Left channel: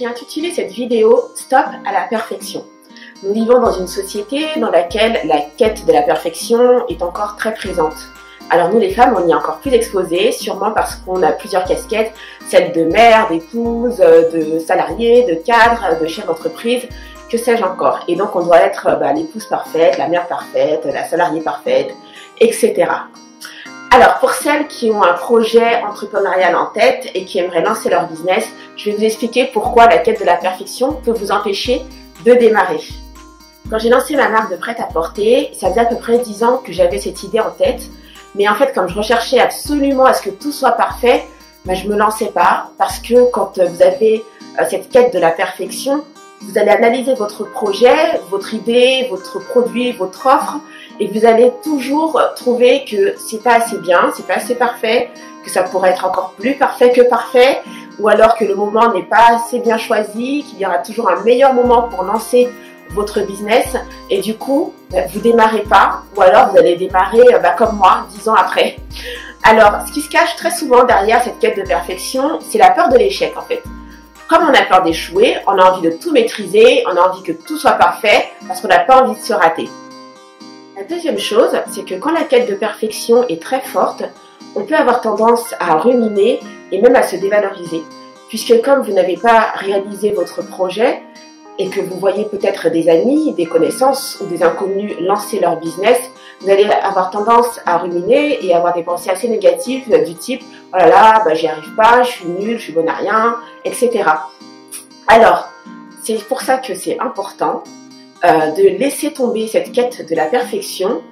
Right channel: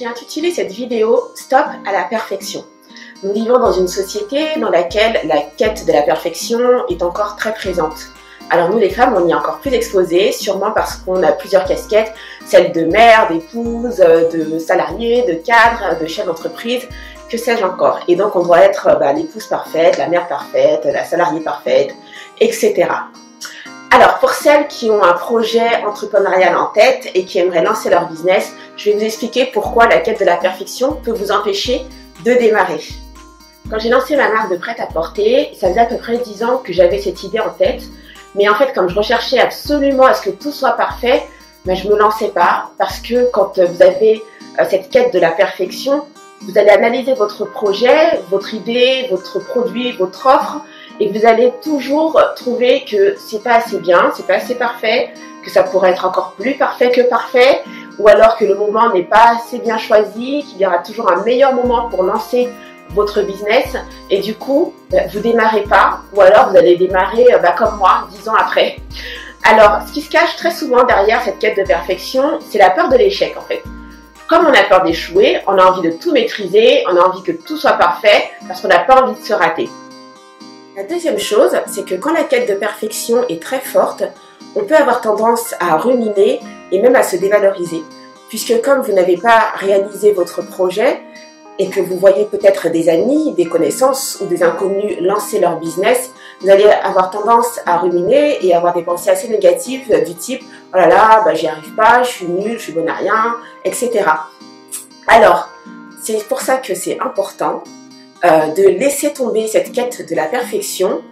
J'ai intitulé cette vidéo « Stop à la perfection ». Nous vivons dans une société dans laquelle la quête de la perfection est encore très présente. Alors nous les femmes, on y est encore plus exposées, sûrement parce qu'on a plusieurs casquettes, celle de mère, d'épouse, de salarié, de cadre, de chef d'entreprise, que sais-je encore. Et donc on doit être l'épouse parfaite, la mère parfaite, la salariée parfaite, etc. Alors pour celles qui ont un projet entrepreneurial en tête et qui aimeraient lancer leur business, je vais vous expliquer pourquoi la quête de la perfection peut vous empêcher de démarrer. Quand j'ai lancé ma marque de prêt-à-porter, ça faisait à peu près 10 ans que j'avais cette idée en tête. Mais en fait, comme je recherchais absolument à ce que tout soit parfait, je me lançais pas parce que quand vous avez cette quête de la perfection, vous allez analyser votre projet, votre idée, votre produit, votre offre et vous allez toujours trouver que c'est pas assez bien, c'est pas assez parfait, que ça pourrait être encore plus parfait que parfait, ou alors que le moment n'est pas assez bien choisi, qu'il y aura toujours un meilleur moment pour lancer votre business et du coup, vous démarrez pas ou alors vous allez démarrer comme moi 10 ans après. Alors, ce qui se cache très souvent derrière cette quête de perfection, c'est la peur de l'échec en fait. Comme on a peur d'échouer, on a envie de tout maîtriser, on a envie que tout soit parfait parce qu'on n'a pas envie de se rater. La deuxième chose, c'est que quand la quête de perfection est très forte, on peut avoir tendance à ruminer et même à se dévaloriser. Puisque comme vous n'avez pas réalisé votre projet, et que vous voyez peut-être des amis, des connaissances ou des inconnus lancer leur business, vous allez avoir tendance à ruminer et avoir des pensées assez négatives du type « Oh là là, j'y arrive pas, je suis nulle, je suis bonne à rien, etc. » Alors, c'est pour ça que c'est important de laisser tomber cette quête de la perfection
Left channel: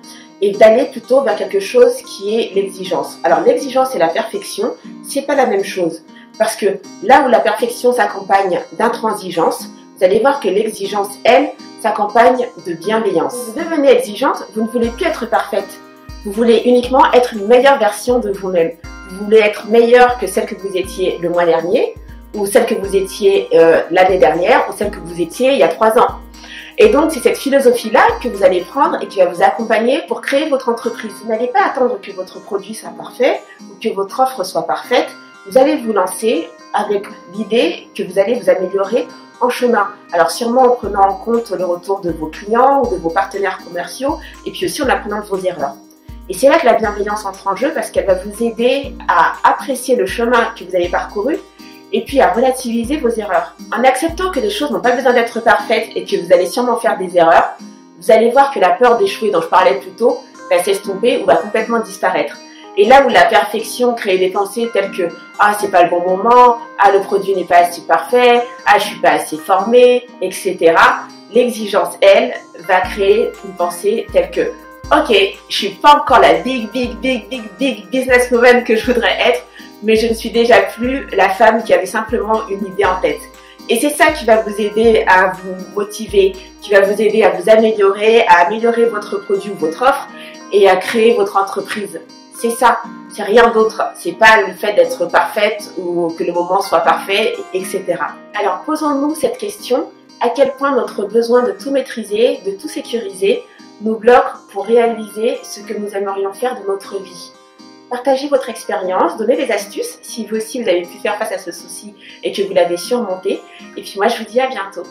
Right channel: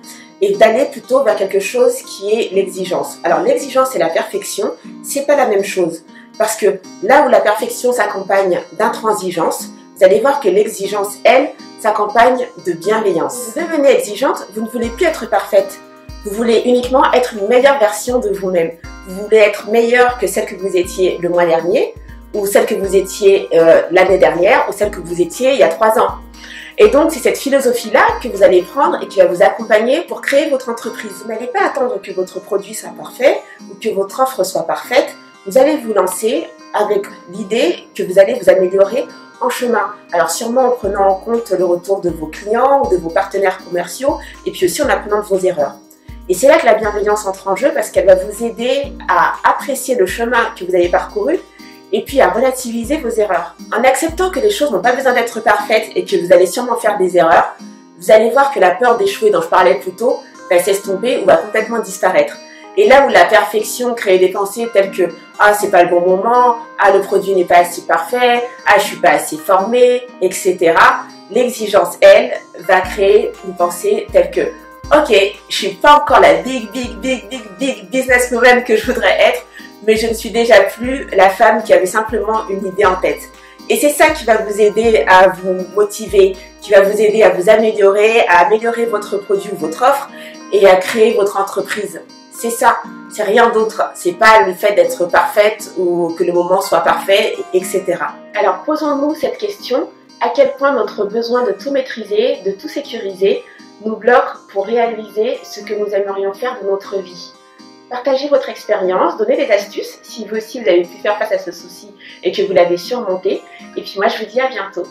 et d'aller plutôt vers quelque chose qui est l'exigence. Alors, l'exigence et la perfection, c'est pas la même chose. Parce que là où la perfection s'accompagne d'intransigeance, vous allez voir que l'exigence, elle, s'accompagne de bienveillance. Vous devenez exigeante, vous ne voulez plus être parfaite. Vous voulez uniquement être une meilleure version de vous-même. Vous voulez être meilleure que celle que vous étiez le mois dernier, ou celle que vous étiez l'année dernière, ou celle que vous étiez il y a 3 ans. Et donc, c'est cette philosophie-là que vous allez prendre et qui va vous accompagner pour créer votre entreprise. Vous n'allez pas attendre que votre produit soit parfait ou que votre offre soit parfaite. Vous allez vous lancer avec l'idée que vous allez vous améliorer en chemin. Alors sûrement en prenant en compte le retour de vos clients ou de vos partenaires commerciaux et puis aussi en apprenant de vos erreurs. Et c'est là que la bienveillance entre en jeu parce qu'elle va vous aider à apprécier le chemin que vous avez parcouru et puis à relativiser vos erreurs. En acceptant que les choses n'ont pas besoin d'être parfaites et que vous allez sûrement faire des erreurs, vous allez voir que la peur d'échouer dont je parlais plus tôt va s'estomper ou va complètement disparaître. Et là où la perfection crée des pensées telles que « Ah, c'est pas le bon moment »,« Ah, le produit n'est pas assez parfait »,« Ah, je suis pas assez formée », etc. L'exigence, elle, va créer une pensée telle que « Ok, je suis pas encore la big businesswoman que je voudrais être, mais je ne suis déjà plus la femme qui avait simplement une idée en tête. » Et c'est ça qui va vous aider à vous motiver, qui va vous aider à vous améliorer, à améliorer votre produit ou votre offre et à créer votre entreprise. C'est ça, c'est rien d'autre. C'est pas le fait d'être parfaite ou que le moment soit parfait, etc. Alors posons-nous cette question, à quel point notre besoin de tout maîtriser, de tout sécuriser, nous bloque pour réaliser ce que nous aimerions faire de notre vie. Partagez votre expérience, donnez des astuces si vous aussi vous avez pu faire face à ce souci et que vous l'avez surmonté. Et puis moi je vous dis à bientôt.